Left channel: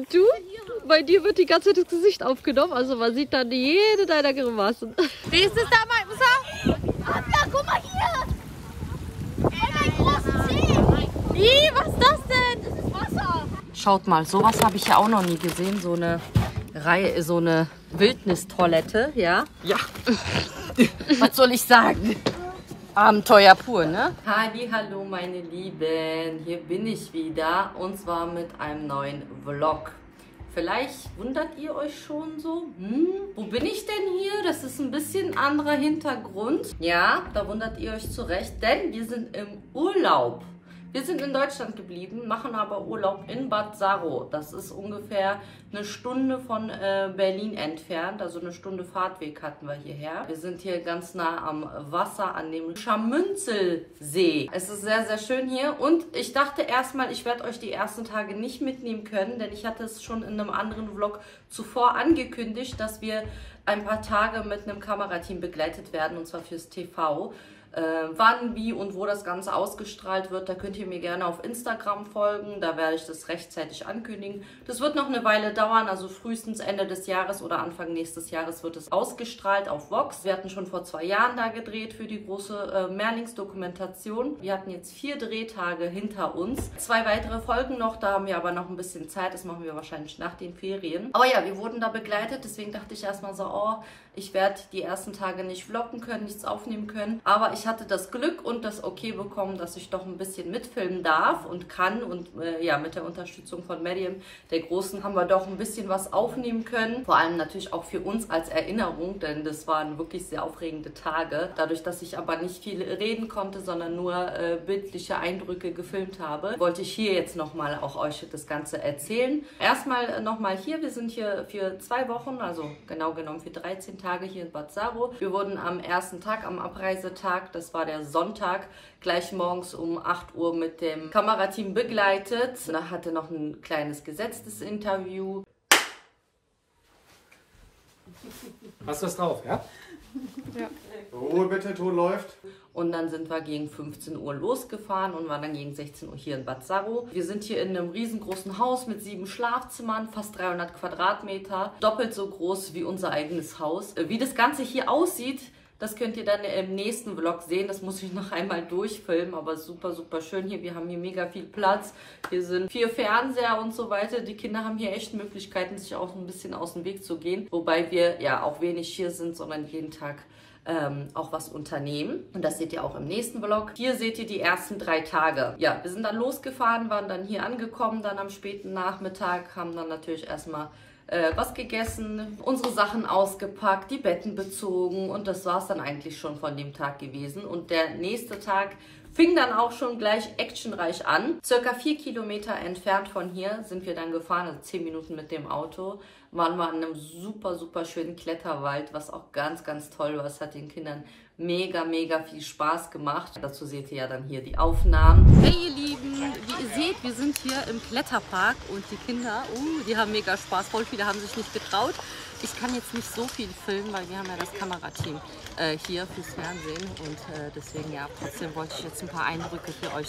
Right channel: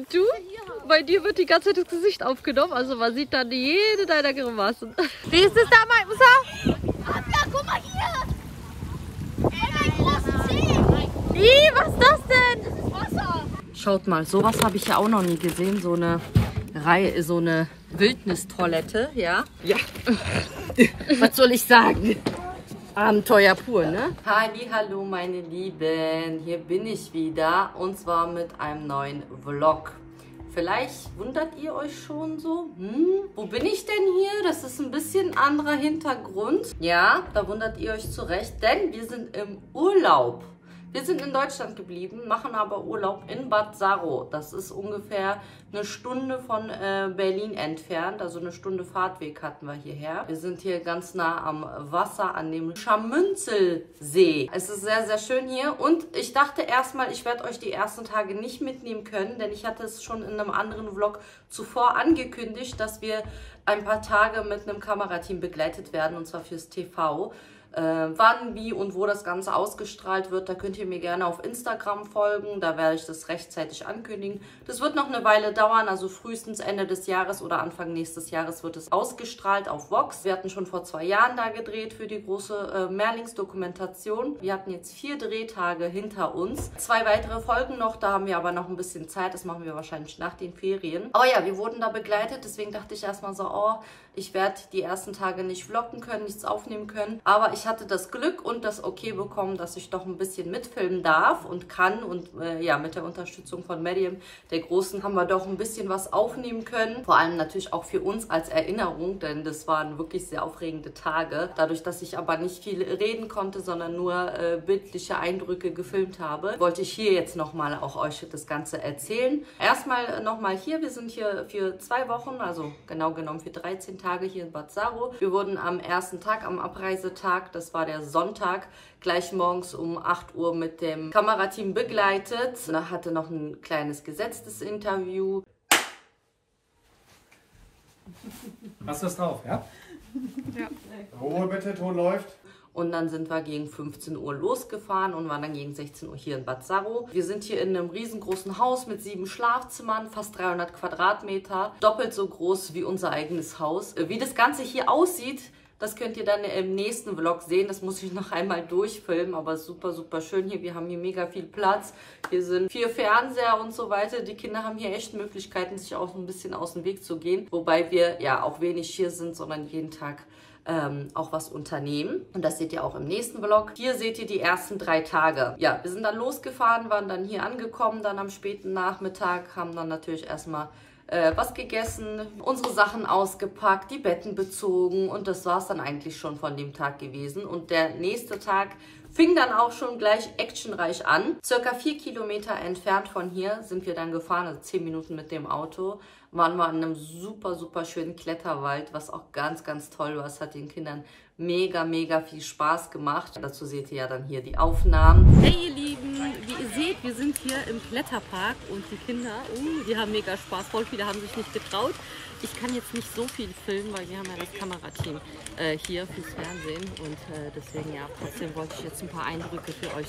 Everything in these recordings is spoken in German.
Und du? Bei dir wird die ganze Zeit das Gesicht aufgenommen, also man sieht dann jede deiner Grimassen. Wie ist es da, mein Musa? Abla, guck mal hier! Ey, mein großes Zeh! Wie, was ist das denn? Das ist Wasser! Schaut mal, sowas habe ich ja auch noch nie gesehen. So eine Reihe, so eine Wildnistoilette, ja? Ja. Was soll ich sagen? Abenteuer pur, ne? Hallo meine Lieben, hier bin ich wieder und zwar mit einem neuen Vlog. Vielleicht wundert ihr euch schon so, wo bin ich denn hier? Das ist ein bisschen anderer Hintergrund. Ja, da wundert ihr euch zu Recht, denn wir sind im Urlaub. Wir sind in Deutschland geblieben, machen aber Urlaub in Bad Saro. Das ist ungefähr eine Stunde von Berlin entfernt, also eine Stunde Fahrtweg hatten wir hierher. Wir sind hier ganz nah am Wasser, an dem Scharmünzelsee. Es ist sehr, sehr schön hier und ich dachte erstmal, ich werde euch die ersten Tage nicht mitnehmen können, denn ich hatte es schon in einem anderen Vlog zuvor angekündigt, dass wir ein paar Tage mit einem Kamerateam begleitet werden, und zwar fürs TV. Wann, wie und wo das Ganze ausgestrahlt wird, da könnt ihr mir gerne auf Instagram folgen, da werde ich das rechtzeitig ankündigen. Das wird noch eine Weile dauern, also frühestens Ende des Jahres oder Anfang nächstes Jahres wird es ausgestrahlt auf Vox. Wir hatten schon vor 2 Jahren da gedreht für die große Mehrlingsdokumentation. Wir hatten jetzt 4 Drehtage hinter uns. 2 weitere Folgen noch, da haben wir aber noch ein bisschen Zeit, das machen wir wahrscheinlich nach den Ferien. Aber ja, wir wurden da begleitet, deswegen dachte ich erstmal so, oh, ich werde die ersten Tage nicht vloggen können, nichts aufnehmen können, aber ich hatte das Glück und das Okay bekommen, dass ich doch ein bisschen mitfilmen darf und kann und ja, mit der Unterstützung von Medium, der Großen, haben wir doch ein bisschen was aufnehmen können. Vor allem natürlich auch für uns als Erinnerung, denn das waren wirklich sehr aufregende Tage. Dadurch, dass ich aber nicht viel reden konnte, sondern nur bildliche Eindrücke gefilmt habe, wollte ich hier jetzt nochmal auch euch das Ganze erzählen. Erstmal nochmal hier, wir sind hier für 2 Wochen, also genau genommen für 13 Tage hier in Bad Saro. Wir wurden am ersten Tag, am Abreisetag, das war der Sonntag, gleich morgens um 8 Uhr mit dem Kamerateam begleitet. Da hatte noch ein kleines gesetztes Interview. Hast du das drauf, ja? Ja. Ruhe bitte, Ton läuft. Und dann sind wir gegen 15 Uhr losgefahren und waren dann gegen 16 Uhr hier in Bad Saro. Wir sind hier in einem riesengroßen Haus mit 7 Schlafzimmern, fast 300 Quadratmeter, doppelt so groß wie unser eigenes Haus. Wie das Ganze hier aussieht, das könnt ihr dann im nächsten Vlog sehen. Das muss ich noch einmal durchfilmen, aber super, super schön hier. Wir haben hier mega viel Platz. Hier sind 4 Fernseher und so weiter. Die Kinder haben hier echt Möglichkeiten, sich auch ein bisschen aus dem Weg zu gehen. Wobei wir ja auch wenig hier sind, sondern jeden Tag auch was unternehmen. Und das seht ihr auch im nächsten Vlog. Hier seht ihr die ersten 3 Tage. Ja, wir sind dann losgefahren, waren dann hier angekommen, dann am späten Nachmittag, haben dann natürlich erstmal was gegessen, unsere Sachen ausgepackt, die Betten bezogen und das war es dann eigentlich schon von dem Tag gewesen. Und der nächste Tag fing dann auch schon gleich actionreich an. Circa 4 Kilometer entfernt von hier sind wir dann gefahren, also 10 Minuten mit dem Auto. Waren wir in einem super, super schönen Kletterwald, was auch ganz, ganz toll war. Es hat den Kindern mega, mega viel Spaß gemacht. Dazu seht ihr ja dann hier die Aufnahmen. Hey ihr Lieben, wie ihr seht, wir sind hier im Kletterpark und die Kinder, die haben mega Spaß. Voll viele haben sich nicht getraut. Ich kann jetzt nicht so viel filmen, weil wir haben ja das Kamerateam hier fürs Fernsehen und deswegen ja, trotzdem wollte ich jetzt ein paar Eindrücke für euch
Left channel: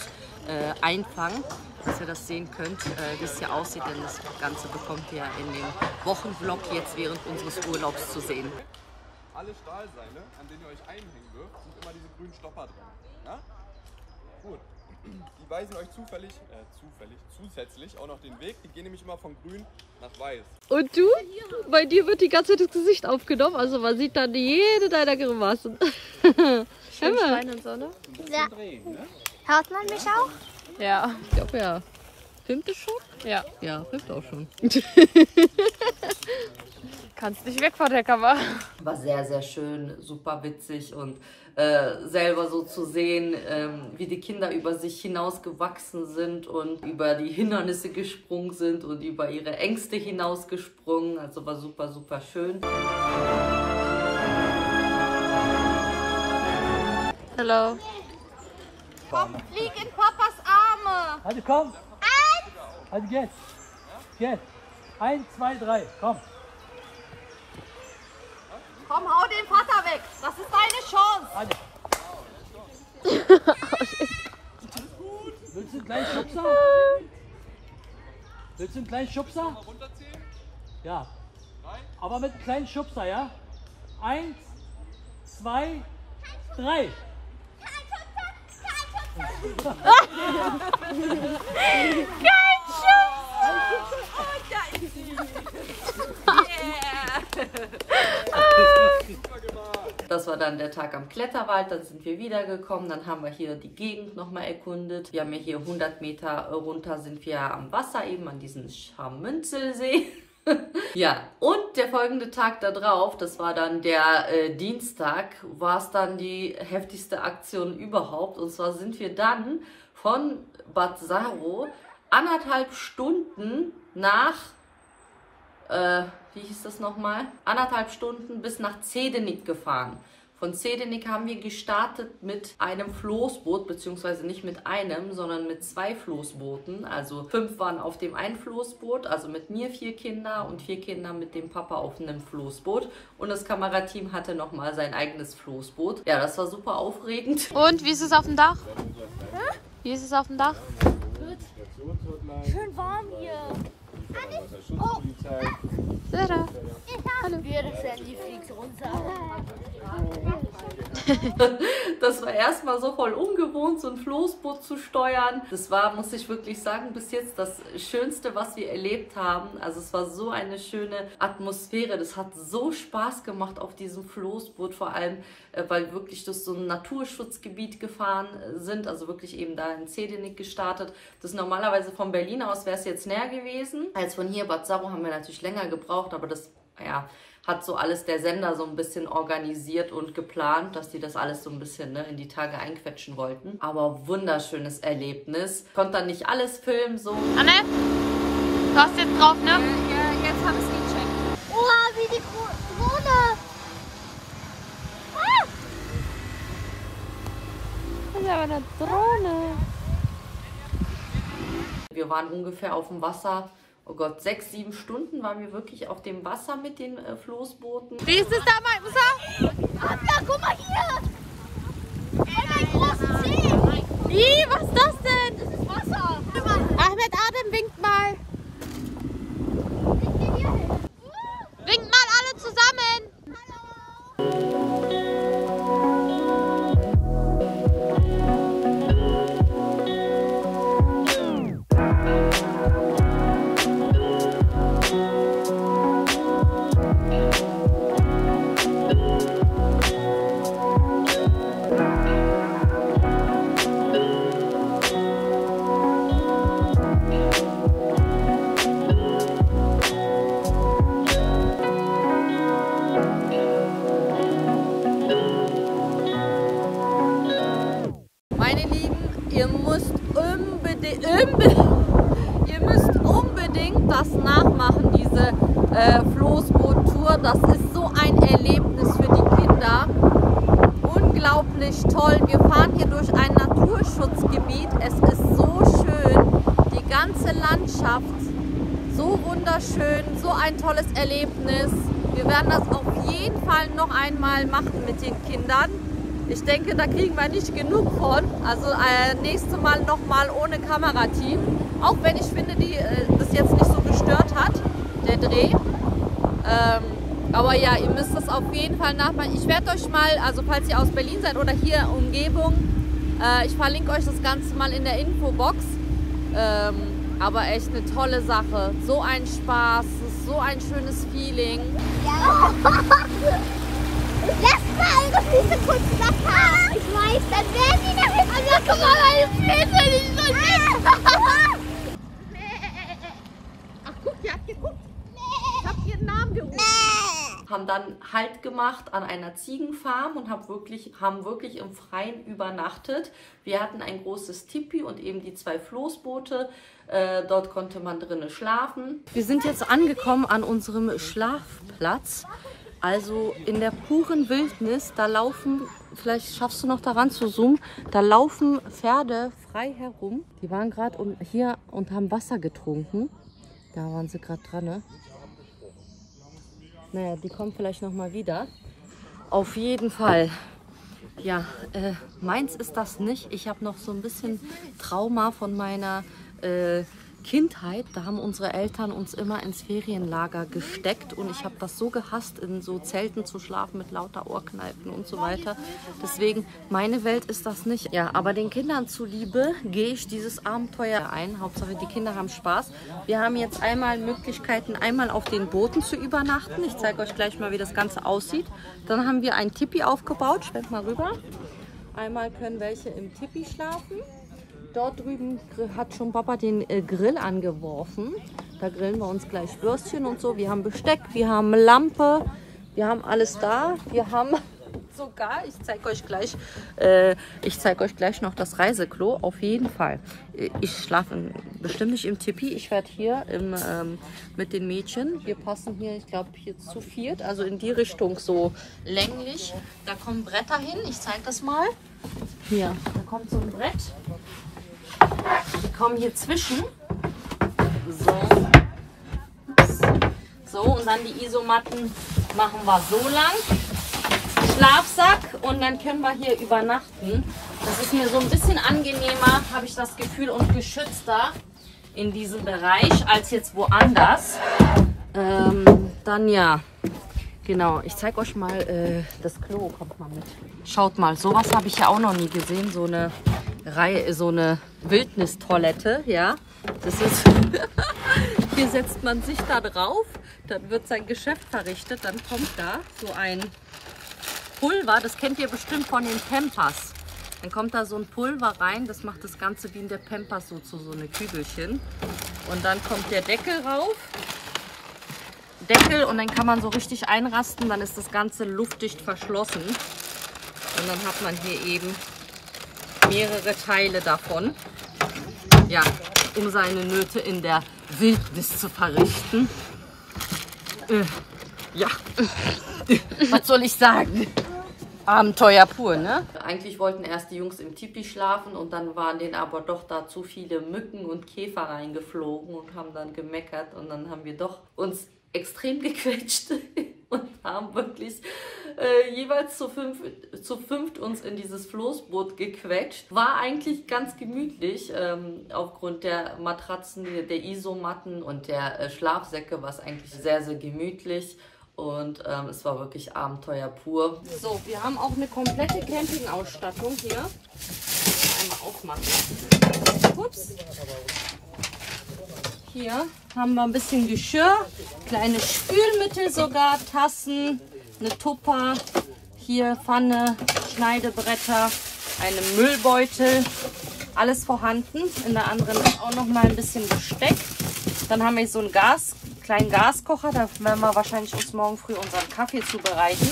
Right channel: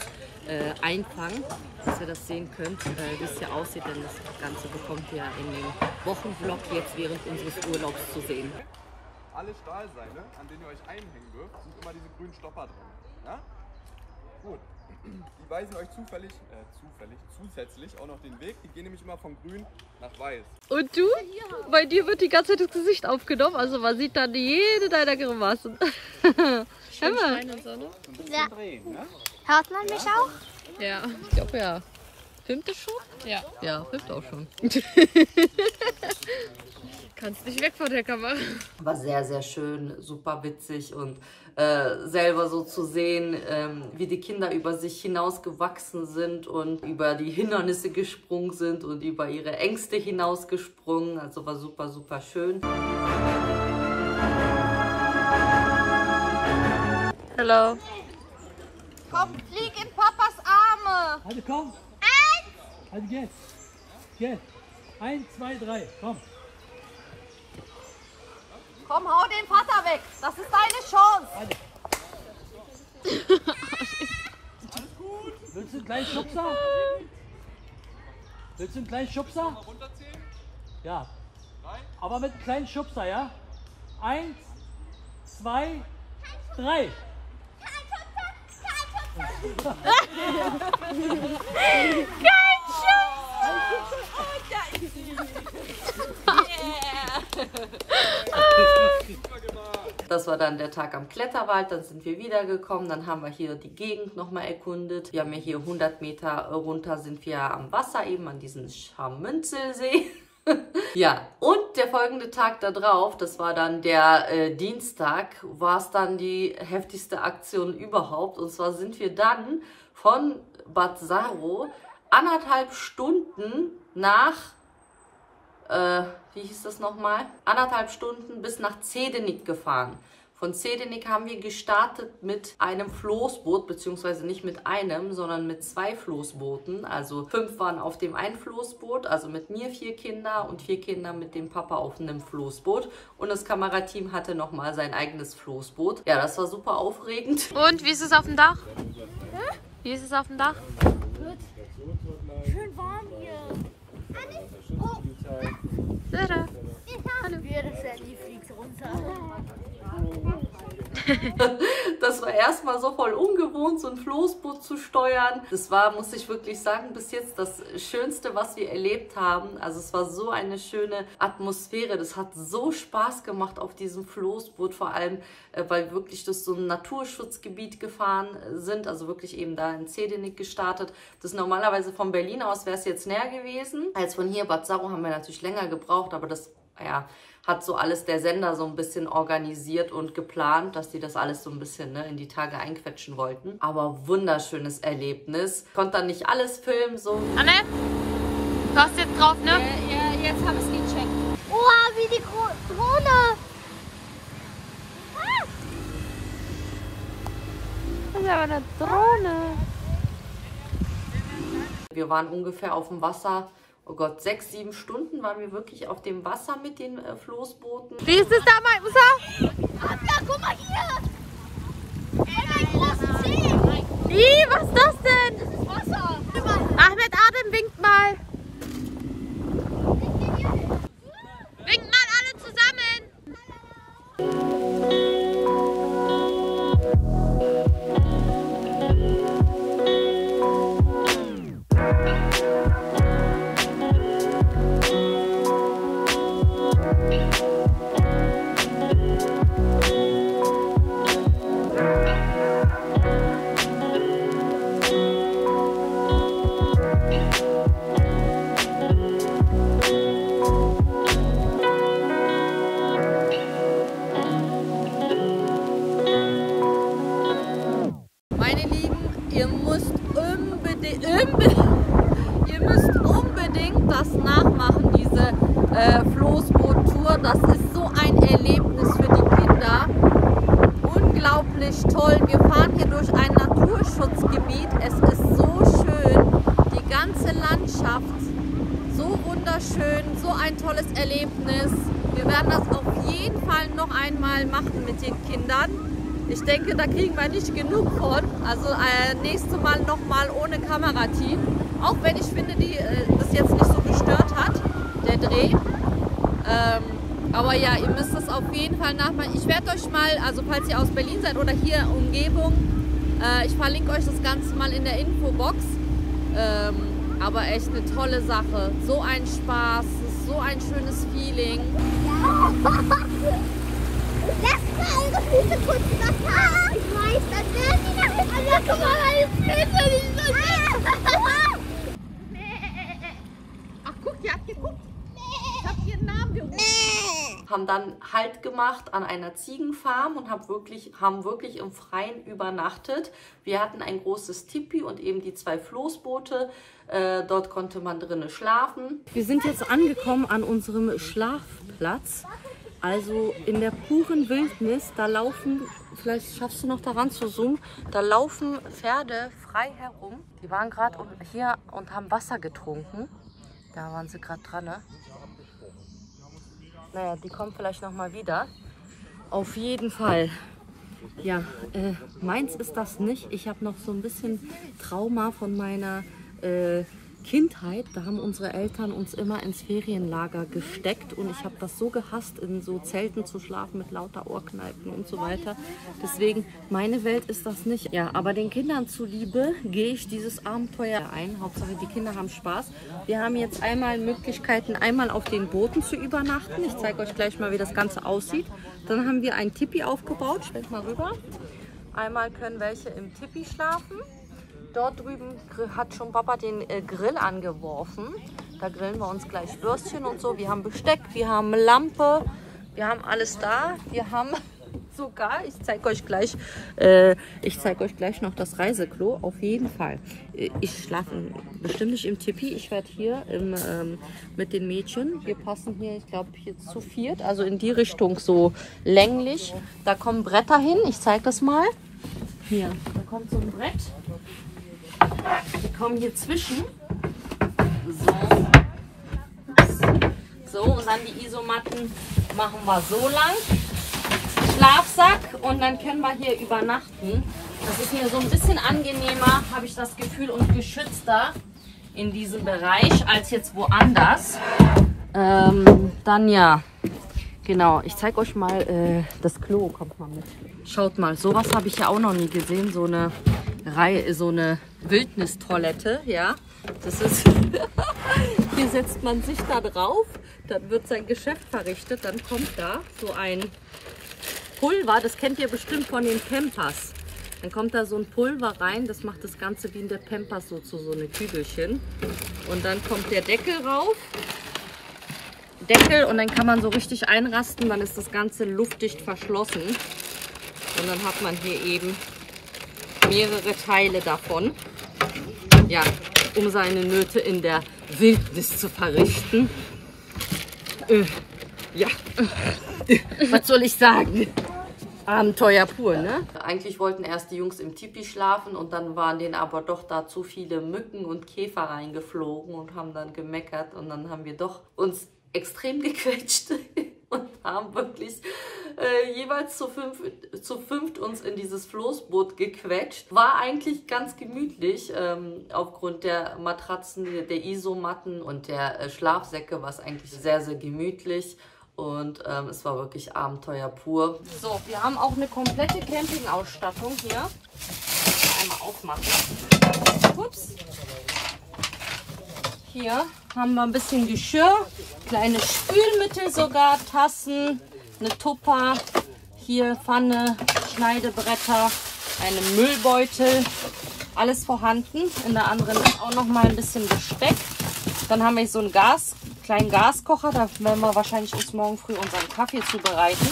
einfangen, dass ihr das sehen könnt, wie es hier aussieht, denn das Ganze bekommt ihr in dem Wochenvlog jetzt während unseres Urlaubs zu sehen. Alle Stahlseile, an denen ihr euch einhängen dürft, sind immer diese grünen Stopper drin. Ja? Gut. Die weisen euch zusätzlich auch noch den Weg. Die gehen nämlich immer von grün nach weiß. Und du? Bei dir wird die ganze Zeit das Gesicht aufgenommen, also man sieht dann jede deiner Grimassen. Hör mal. Ja. Hört man mich auch? Ja, ich glaube ja. Filmt es schon? Ja. Ja, filmt auch schon. Kannst nicht weg von der Kamera. War sehr, sehr schön, super witzig und selber so zu sehen, wie die Kinder über sich hinausgewachsen sind und über die Hindernisse gesprungen sind und über ihre Ängste hinausgesprungen. Also war super, super schön. Hallo. Komm, flieg in Papas Arme. Also komm. Also jetzt. Jetzt. 1, 2, 3. Komm. Komm, hau den Vater weg. Das ist deine Chance. Alles. Willst du einen kleinen Schubser? Willst du einen kleinen Schubser? Ja. Aber mit einem kleinen Schubser, ja? 1, 2, 3. Das war dann der Tag am Kletterwald, dann sind wir wiedergekommen, dann haben wir hier die Gegend nochmal erkundet. Wir haben ja hier 100 Meter runter sind wir am Wasser, eben an diesem Scharmünzelsee. Ja, und der folgende Tag da drauf, das war dann der Dienstag, war es dann die heftigste Aktion überhaupt. Und zwar sind wir dann von Bad Saro 1,5 Stunden nach, wie hieß das nochmal? 1,5 Stunden bis nach Zedenik gefahren. Von Zedenik haben wir gestartet mit einem Floßboot, beziehungsweise nicht mit einem, sondern mit 2 Floßbooten. Also 5 waren auf dem einen Floßboot, also mit mir 4 Kinder und 4 Kinder mit dem Papa auf einem Floßboot. Und das Kamerateam hatte nochmal sein eigenes Floßboot. Ja, das war super aufregend. Und wie ist es auf dem Dach? Wie ist es auf dem Dach? Gut. Schön warm hier. Oh. Sarah. Hallo. Die fliegt runter. Das war erstmal so voll ungewohnt, so ein Floßboot zu steuern. Das war, muss ich wirklich sagen, bis jetzt das Schönste, was wir erlebt haben. Also es war so eine schöne Atmosphäre. Das hat so Spaß gemacht auf diesem Floßboot, vor allem, weil wir wirklich durch so ein Naturschutzgebiet gefahren sind. Also wirklich eben da in Zedenik gestartet. Das normalerweise von Berlin aus wäre es jetzt näher gewesen. Als von hier Bad Saro haben wir natürlich länger gebraucht, aber das, ja, hat so alles der Sender so ein bisschen organisiert und geplant, dass die das alles so ein bisschen in die Tage einquetschen wollten. Aber wunderschönes Erlebnis. Konnte dann nicht alles filmen, so. Anne, du hast jetzt drauf, ne? Ja, jetzt habe ich es gecheckt. Oha, wie die Drohne. Das ist aber eine Drohne. Wir waren ungefähr auf dem Wasser, oh Gott, 6, 7 Stunden waren wir wirklich auf dem Wasser mit den Floßbooten. Wie ist es da, Musa? Anna, guck mal hier! Ein großer See! Wie? Was ist das denn? Das ist Wasser! Ahmed Adem, winkt mal! Winkt mal alle zusammen! Meine Lieben, ihr müsst unbedingt das nachmachen, diese Floßboot-Tour. Das ist so ein Erlebnis für die Kinder. Unglaublich toll. Wir fahren hier durch ein Naturschutzgebiet. Es ist so schön. Die ganze Landschaft, so wunderschön, so ein tolles Erlebnis. Wir werden das auf jeden Fall noch einmal machen mit den Kindern. Ich denke, da kriegen wir nicht genug von. Also nächstes Mal nochmal ohne Kamerateam. Auch wenn ich finde, das jetzt nicht so gestört hat, der Dreh. Aber ja, ihr müsst das auf jeden Fall nachmachen. Ich werde euch mal, also falls ihr aus Berlin seid oder hier Umgebung, ich verlinke euch das Ganze mal in der Infobox. Aber echt eine tolle Sache. So ein Spaß, so ein schönes Feeling. Ja. Lass mal eure Füße kurz nachfahren. Ich weiß, dann werden die damit. Also, guck mal, meine Füße nicht so Ach guck, ihr habt geguckt. Ich hab ihren Namen gerufen. Haben dann Halt gemacht an einer Ziegenfarm und haben wirklich im Freien übernachtet. Wir hatten ein großes Tipi und eben die 2 Floßboote. Dort konnte man drinnen schlafen. Wir sind jetzt angekommen an unserem Schlafplatz. Also in der puren Wildnis, da laufen, vielleicht schaffst du noch daran zu zoomen, da laufen Pferde frei herum. Die waren gerade hier und haben Wasser getrunken. Da waren sie gerade dran, ne? Naja, die kommen vielleicht noch mal wieder. Auf jeden Fall. Ja, meins ist das nicht. Ich habe noch so ein bisschen Trauma von meiner Kindheit, da haben unsere Eltern uns immer ins Ferienlager gesteckt und ich habe das so gehasst, in so Zelten zu schlafen mit lauter Ohrkneipen und so weiter. Deswegen, meine Welt ist das nicht. Ja, aber den Kindern zuliebe gehe ich dieses Abenteuer ein. Hauptsache, die Kinder haben Spaß. Wir haben jetzt einmal Möglichkeiten, einmal auf den Booten zu übernachten. Ich zeige euch gleich mal, wie das Ganze aussieht. Dann haben wir ein Tipi aufgebaut. Schwenk mal rüber. Einmal können welche im Tipi schlafen. Dort drüben hat schon Papa den Grill angeworfen. Da grillen wir uns gleich Würstchen und so. Wir haben Besteck, wir haben Lampe, wir haben alles da. Wir haben sogar, ich zeige euch gleich noch das Reiseklo, auf jeden Fall. Ich schlafe bestimmt nicht im Tipi. Ich werde hier mit den Mädchen, wir passen hier, ich glaube hier zu viert, also in die Richtung so länglich. Da kommen Bretter hin, ich zeige das mal. Hier, da kommt so ein Brett. Die kommen hier zwischen. So, und dann die Isomatten machen wir so lang. Schlafsack und dann können wir hier übernachten. Das ist mir so ein bisschen angenehmer, habe ich das Gefühl, und geschützter in diesem Bereich als jetzt woanders. Dann ja, genau, ich zeige euch mal das Klo, kommt mal mit. Schaut mal, sowas habe ich ja auch noch nie gesehen, so eine Wildnistoilette, ja. Das ist hier setzt man sich da drauf, dann wird sein Geschäft verrichtet, dann kommt da so ein Pulver, das kennt ihr bestimmt von den Pampers. Dann kommt da so ein Pulver rein, das macht das Ganze wie in der Pampers so zu so eine Kügelchen. Und dann kommt der Deckel rauf. Deckel und dann kann man so richtig einrasten, dann ist das Ganze luftdicht verschlossen. Und dann hat man hier eben mehrere Teile davon. Ja, um seine Nöte in der Wildnis zu verrichten. Ja, was soll ich sagen? Abenteuer pur, ne? Eigentlich wollten erst die Jungs im Tipi schlafen und dann waren denen aber doch da zu viele Mücken und Käfer reingeflogen und haben dann gemeckert und dann haben wir doch uns extrem gequetscht und haben wirklich jeweils zu fünft uns in dieses Floßboot gequetscht. War eigentlich ganz gemütlich, aufgrund der Matratzen, der Isomatten und der Schlafsäcke war es eigentlich sehr, sehr gemütlich. Und es war wirklich Abenteuer pur. So, wir haben auch eine komplette Campingausstattung hier. Einmal aufmachen. Ups. Hier haben wir ein bisschen Geschirr, kleine Spülmittel sogar, Tassen, eine Tupper, hier Pfanne, Schneidebretter, einen Müllbeutel, alles vorhanden. In der anderen auch noch mal ein bisschen Besteck. Dann haben wir so einen kleinen Gaskocher, da werden wir wahrscheinlich bis morgen früh unseren Kaffee zubereiten,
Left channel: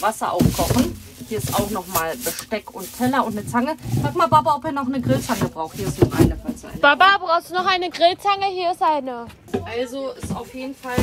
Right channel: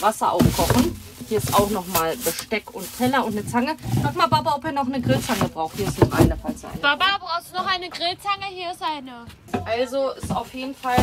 Wasser aufkochen. Hier ist auch noch mal Besteck und Teller und eine Zange. Sag mal, Papa, ob ihr noch eine Grillzange braucht. Hier ist noch eine, falls ihr eine. Papa, brauchst du noch eine Grillzange? Hier ist eine. Also ist auf jeden Fall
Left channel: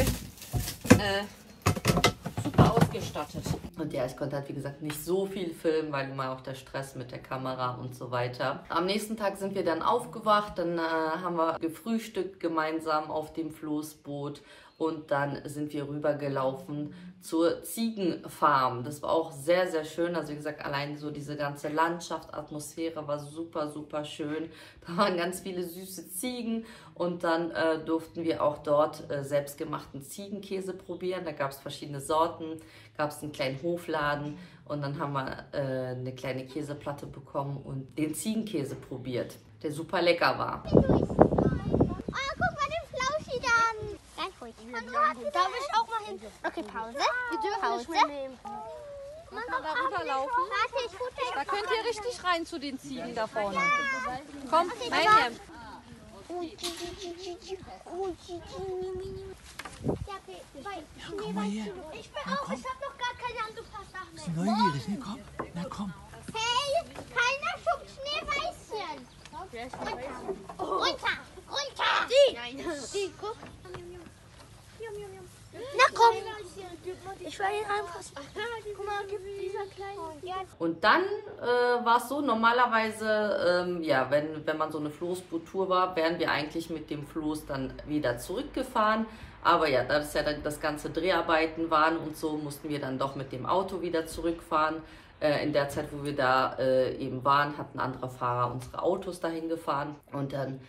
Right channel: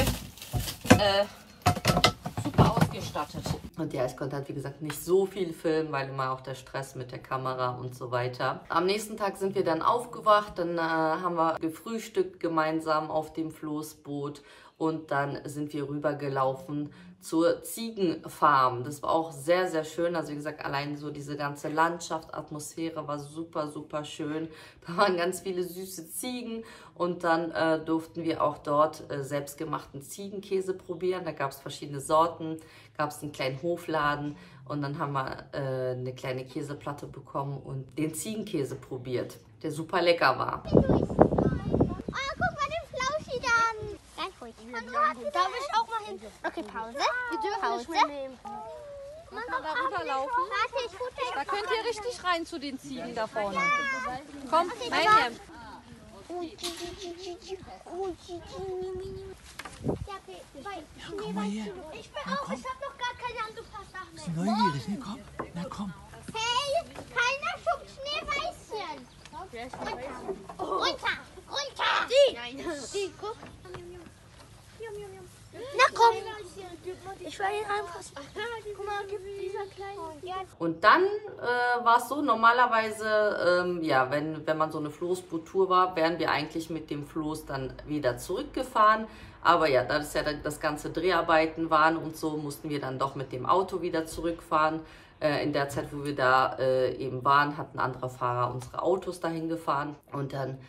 super ausgestattet. Und ja, ich konnte halt wie gesagt nicht so viel filmen, weil immer auch der Stress mit der Kamera und so weiter. Am nächsten Tag sind wir dann aufgewacht, dann haben wir gefrühstückt gemeinsam auf dem Floßboot und dann sind wir rübergelaufen zur Ziegenfarm. Das war auch sehr, sehr schön. Also wie gesagt, allein so diese ganze Landschaft, Atmosphäre war super, super schön. Da waren ganz viele süße Ziegen und dann durften wir auch dort selbstgemachten Ziegenkäse probieren. Da gab es verschiedene Sorten, gab es einen kleinen Hofladen und dann haben wir eine kleine Käseplatte bekommen und den Ziegenkäse probiert, der super lecker war. Oh, guck mal den Flauschi dann. Ganz ruhig. Darf ich auch mal hin? Okay, Pause. Wir dürfen nicht mehr nehmen. Man kann da runterlaufen. Warte, ich gucke. Da könnt ihr richtig rein zu den Ziegen da vorne. Komm, rein. Komm mal her. Ich bin auch, ich hab noch gar keine Handtuchsachen. Bist du neugierig, ne? Komm, na komm. Hey, keiner schubst Schneeweißchen. Runter, runter. Die, guck. Na komm. Ich will ihn anfassen. Guck mal, gibt dieser kleine. Und dann war es so, normalerweise, ja, wenn man so eine Floßboot-Tour war, wären wir eigentlich mit dem Floß dann wieder zurückgefahren. Aber ja, da das ja das ganze Dreharbeiten waren und so, mussten wir dann doch mit dem Auto wieder zurückfahren. In der Zeit, wo wir da eben waren, hat ein anderer Fahrer unsere Autos dahin gefahren. Und dann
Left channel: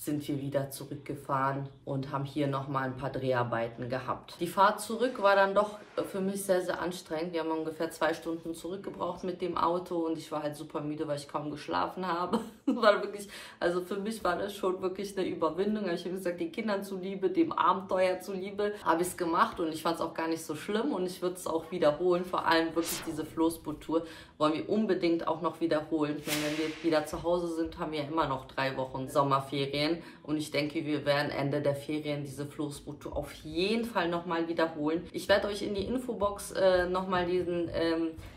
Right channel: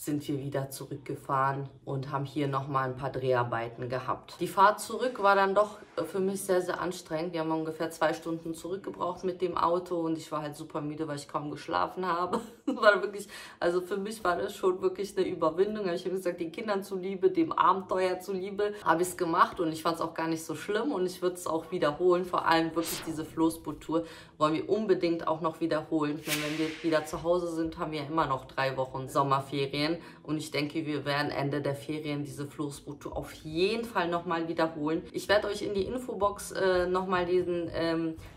sind wir wieder zurückgefahren und haben hier nochmal ein paar Dreharbeiten gehabt. Die Fahrt zurück war dann doch für mich sehr, sehr anstrengend. Wir haben ungefähr 2 Stunden zurückgebraucht mit dem Auto und ich war halt super müde, weil ich kaum geschlafen habe. War wirklich, also für mich war das schon wirklich eine Überwindung. Aber ich habe gesagt, den Kindern zuliebe, dem Abenteuer zuliebe, habe ich es gemacht und ich fand es auch gar nicht so schlimm und ich würde es auch wiederholen. Vor allem wirklich diese Floßboot-Tour wollen wir unbedingt auch noch wiederholen. Ich meine, wenn wir wieder zu Hause sind, haben wir immer noch 3 Wochen Sommerferien. Und ich denke, wir werden Ende der Ferien diese Floßboot-Tour auf jeden Fall nochmal wiederholen. Ich werde euch in die Infobox nochmal diesen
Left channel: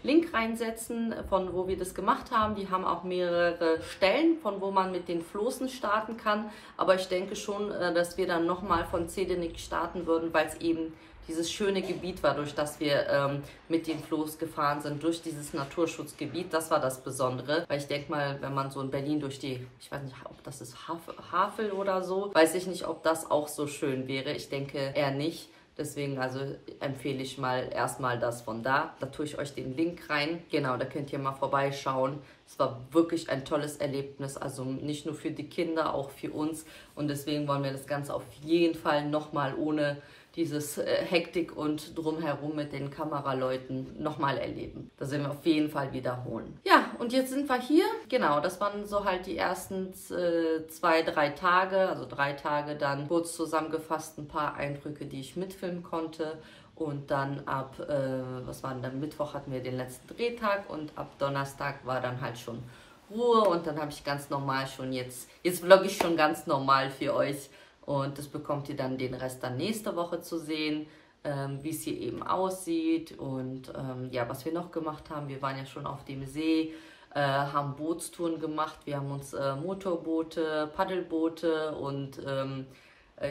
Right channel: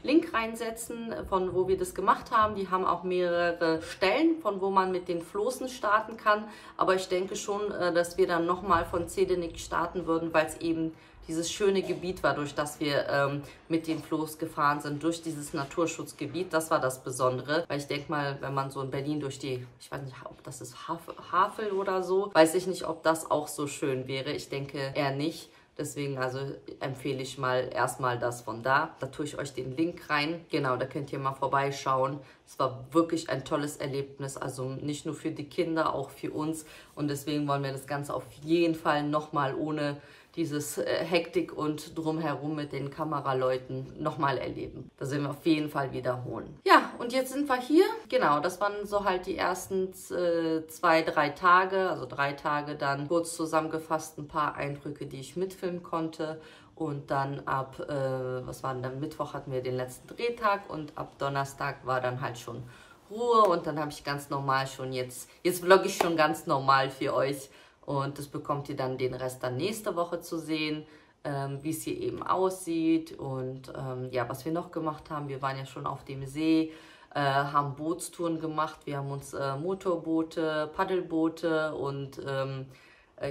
Link reinsetzen, von wo wir das gemacht haben. Die haben auch mehrere Stellen, von wo man mit den Floßen starten kann. Aber ich denke schon, dass wir dann nochmal von Zedinik starten würden, weil es eben dieses schöne Gebiet war, durch das wir mit dem Floß gefahren sind, durch dieses Naturschutzgebiet. Das war das Besondere, weil ich denke mal, wenn man so in Berlin durch die, ich weiß nicht, ob das ist Havel oder so, weiß ich nicht, ob das auch so schön wäre. Ich denke eher nicht. Deswegen also empfehle ich mal erstmal das von da. Da tue ich euch den Link rein. Genau, da könnt ihr mal vorbeischauen. Es war wirklich ein tolles Erlebnis. Also nicht nur für die Kinder, auch für uns. Und deswegen wollen wir das Ganze auf jeden Fall nochmal ohne dieses Hektik und drumherum mit den Kameraleuten nochmal erleben. Das werden wir auf jeden Fall wiederholen. Ja, und jetzt sind wir hier. Genau, das waren so halt die ersten 2, 3 Tage, also 3 Tage dann kurz zusammengefasst ein paar Eindrücke, die ich mitfilmen konnte. Und dann ab, was war denn dann, Mittwoch hatten wir den letzten Drehtag und ab Donnerstag war dann halt schon Ruhe. Und dann habe ich ganz normal schon jetzt vlogge ich schon ganz normal für euch. Und das bekommt ihr dann den Rest dann nächste Woche zu sehen, wie es hier eben aussieht. Und ja, was wir noch gemacht haben, wir waren ja schon auf dem See, haben Bootstouren gemacht. Wir haben uns Motorboote, Paddelboote und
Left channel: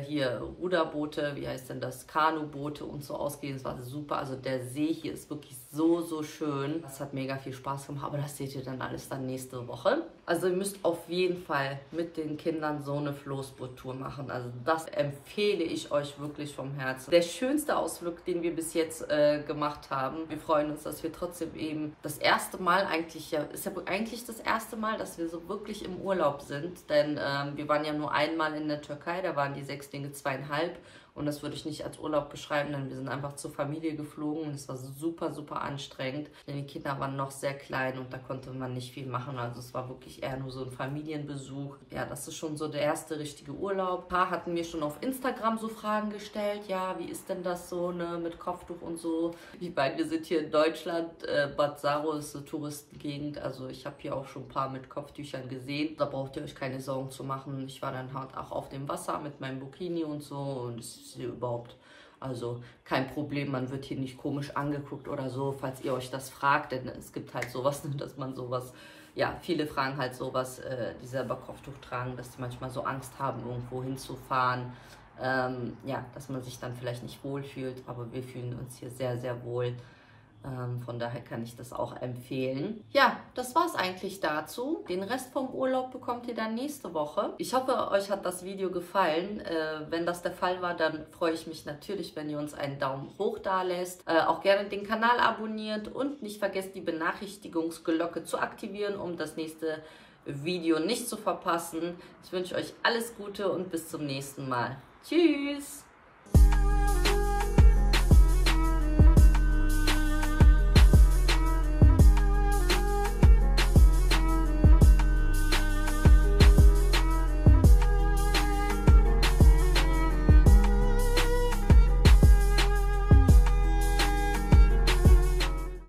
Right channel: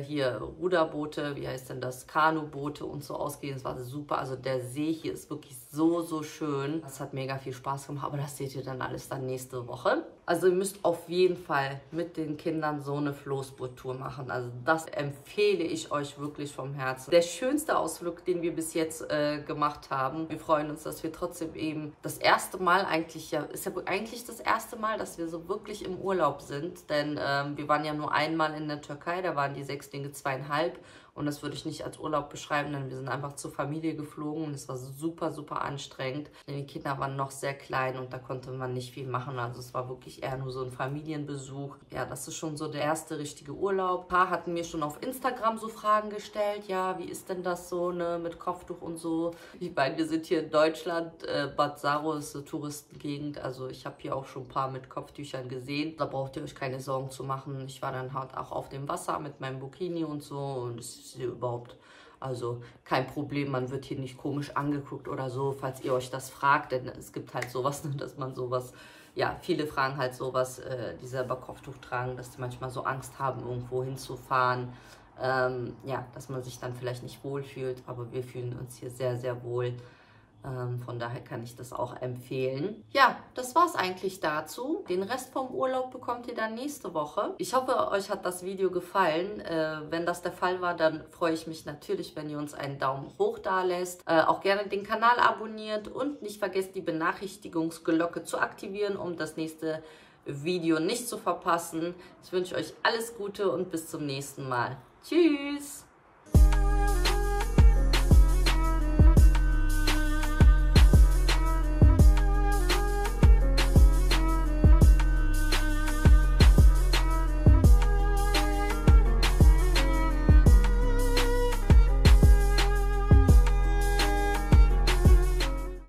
hier Ruderboote, wie heißt denn das, Kanuboote und so ausgehen. Es war super, also der See hier ist wirklich so, so schön. Es hat mega viel Spaß gemacht, aber das seht ihr dann alles dann nächste Woche. Also ihr müsst auf jeden Fall mit den Kindern so eine Floßboot-Tour machen. Also das empfehle ich euch wirklich vom Herzen. Der schönste Ausflug, den wir bis jetzt gemacht haben. Wir freuen uns, dass wir trotzdem eben das erste Mal eigentlich, ist ja eigentlich das erste Mal, dass wir so wirklich im Urlaub sind. Denn wir waren ja nur einmal in der Türkei, da waren die Sechslinge 2,5. Und das würde ich nicht als Urlaub beschreiben, denn wir sind einfach zur Familie geflogen und es war super, super anstrengend. Denn die Kinder waren noch sehr klein und da konnte man nicht viel machen. Also es war wirklich eher nur so ein Familienbesuch. Ja, das ist schon so der erste richtige Urlaub. Ein paar hatten mir schon auf Instagram so Fragen gestellt. Ja, wie ist denn das so, ne, mit Kopftuch und so? Ich meine, wir sind hier in Deutschland. Bad Saro ist eine Touristengegend. Also ich habe hier auch schon ein paar mit Kopftüchern gesehen. Da braucht ihr euch keine Sorgen zu machen. Ich war dann halt auch auf dem Wasser mit meinem Bikini und so und es ist hier überhaupt, also kein Problem, man wird hier nicht komisch angeguckt oder so, falls ihr euch das fragt, denn es gibt halt sowas, dass man sowas, ja, viele fragen halt sowas, die selber Kopftuch tragen, dass die manchmal so Angst haben, irgendwo hinzufahren, ja, dass man sich dann vielleicht nicht wohlfühlt, aber wir fühlen uns hier sehr, sehr wohl. Von daher kann ich das auch empfehlen. Ja, das war's eigentlich dazu. Den Rest vom Urlaub bekommt ihr dann nächste Woche. Ich hoffe, euch hat das Video gefallen. Wenn das der Fall war, dann freue ich mich natürlich, wenn ihr uns einen Daumen hoch da lässt. Auch gerne den Kanal abonniert und nicht vergesst, die Benachrichtigungsglocke zu aktivieren, um das nächste Video nicht zu verpassen. Ich wünsche euch alles Gute und bis zum nächsten Mal. Tschüss!